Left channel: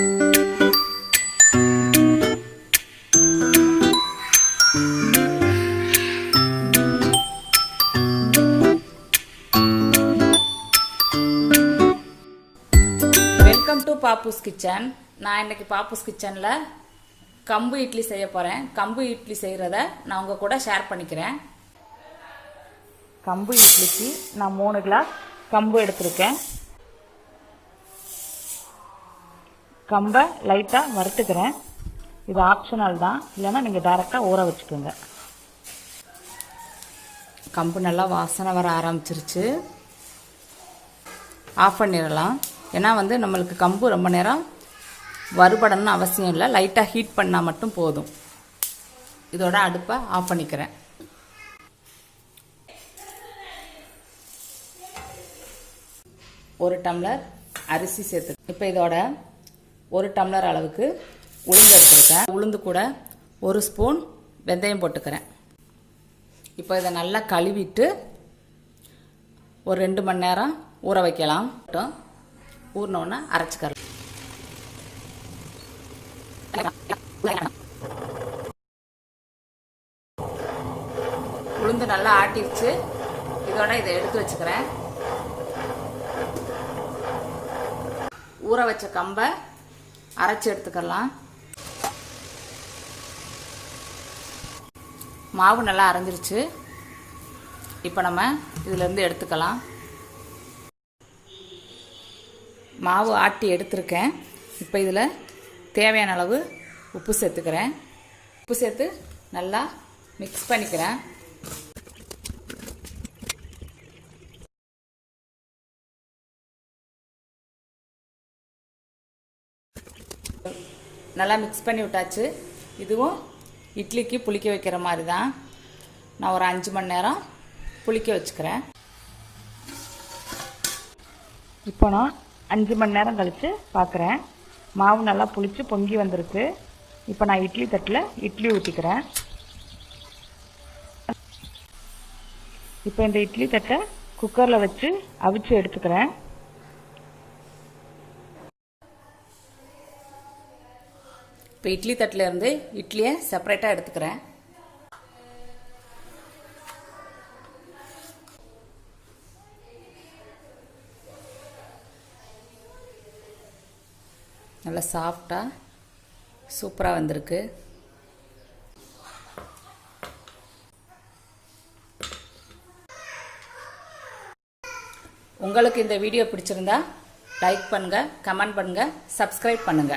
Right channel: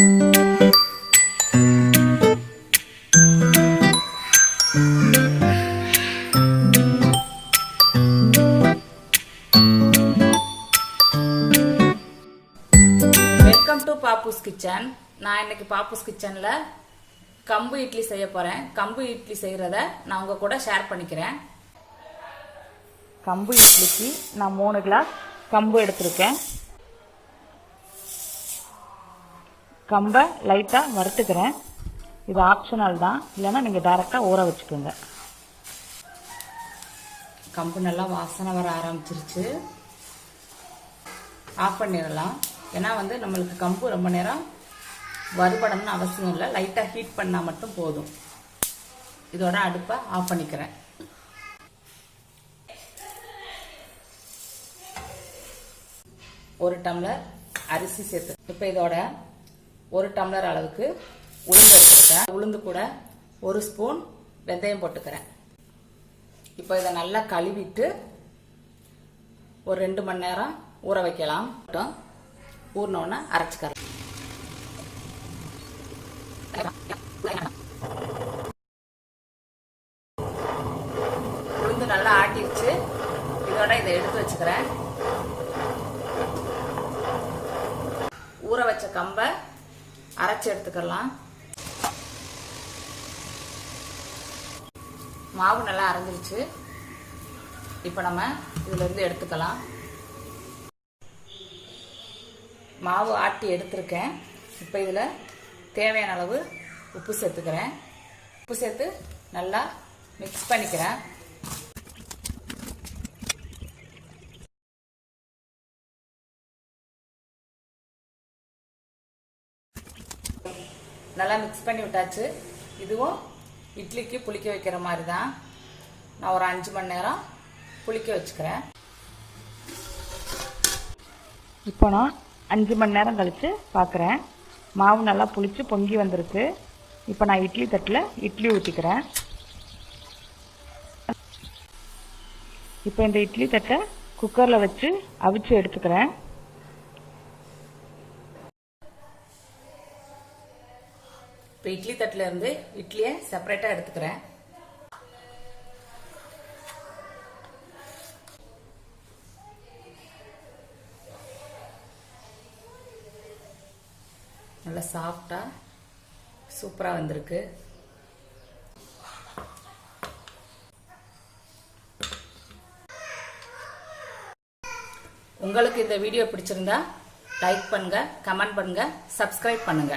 Welcome to Pappus kitchen. நான் இன்னைக்கு பாப்புஸ் கிச்சன்ல கம்பு இட்லி செய்ய போறேன். கம்பு இட்லி செய்யறத நான் உங்க கூட ஷேர் பண்ணிக்கிறேன். கம்பு இட்லிக்கு நான் 3 கிளாஸ் கம்பு எடுத்திருக்கேன். கம்பை லைட்டா வறுத்துக்கிறேன். இது ஆப்ஷனல் தான், இல்லைன்னா நீங்க டைரக்டா ஊற வச்சுக்கோங்க. கம்பு நல்லா வாசனை வர ஆரம்பிச்சிருச்சு. ஆஃப் பண்ணிடலாம். ஏன்னா நம்மளுக்கு கம்பு ரொம்ப நேரம் வறுபடணும்னு அவசியம் இல்லை, லைட்டாக ஹீட் பண்ணால் மட்டும் போதும். இதோட அடுப்பை ஆஃப் பண்ணிக்கிறேன். ஒரு டம்ளர் அரிசி சேர்த்து, இப்போ இதோட 1 டம்ளர் அளவுக்கு உளுந்து எடுத்துருக்கேன். உளுந்து கூட 1 ஸ்பூன் வெந்தயம் போட்டுக்கிறேன். இப்போ இதை நல்லா கழுவிட்டு ஒரு 2 மணி நேரம் ஊற வைக்கலாம். ஊறினோன்னா அரைச்சிக்கலாம். உளுந்து நல்லா ஆட்டிடுச்சு. இதோட இதை எடுத்து வச்சுக்கிறேன். ஊற வச்ச கம்பை அரைச்சி எடுத்துக்கலாம். மாவு நல்லா அரைஞ்சிருச்சு. இப்போ நம்ம இதுல இருந்து எடுத்துக்கலாம். மாவு ஆட்டி எடுத்திருக்கேன். இப்போ இதில் தேவையான அளவு உப்பு சேர்த்துக்கிறேன். உப்பு சேர்த்து நல்லா மிக்ஸ் பண்ணிக்கிறேன். நல்லா மிக்ஸ் பண்ணி விட்டாச்சு. இதுவும் இட்லிக்கு புளிக்க வைக்கிற மாதிரி தான். நான் ஒரு 5 மணி நேரம் புளிக்க வச்சுக்கிறேன். இப்போ நான் 5 மணி நேரம் கழிச்சு பார்க்குறேன். மாவு நல்லா புளிச்சு பொங்கி வந்திருக்கு. இப்போ நான் இட்லி தட்டில் இட்லி ஊற்றிக்கிறேன். இப்போ இந்த இட்லி தட்டை குக்கரில் வச்சு அவிச்சு எடுத்துக்கிறேன். இப்போ இட்லி தட்டில் இருந்து இட்லியை செப்பரேட்டாக எடுத்துக்கிறேன். நல்லா சாஃப்டாக சூப்பராக வந்திருக்கு. உங்களுக்கு இந்த வீடியோ பிடிச்சிருந்தா லைக் பண்ணுங்க, கமெண்ட் பண்ணுங்க, சப்ஸ்கிரைப் பண்ணுங்க.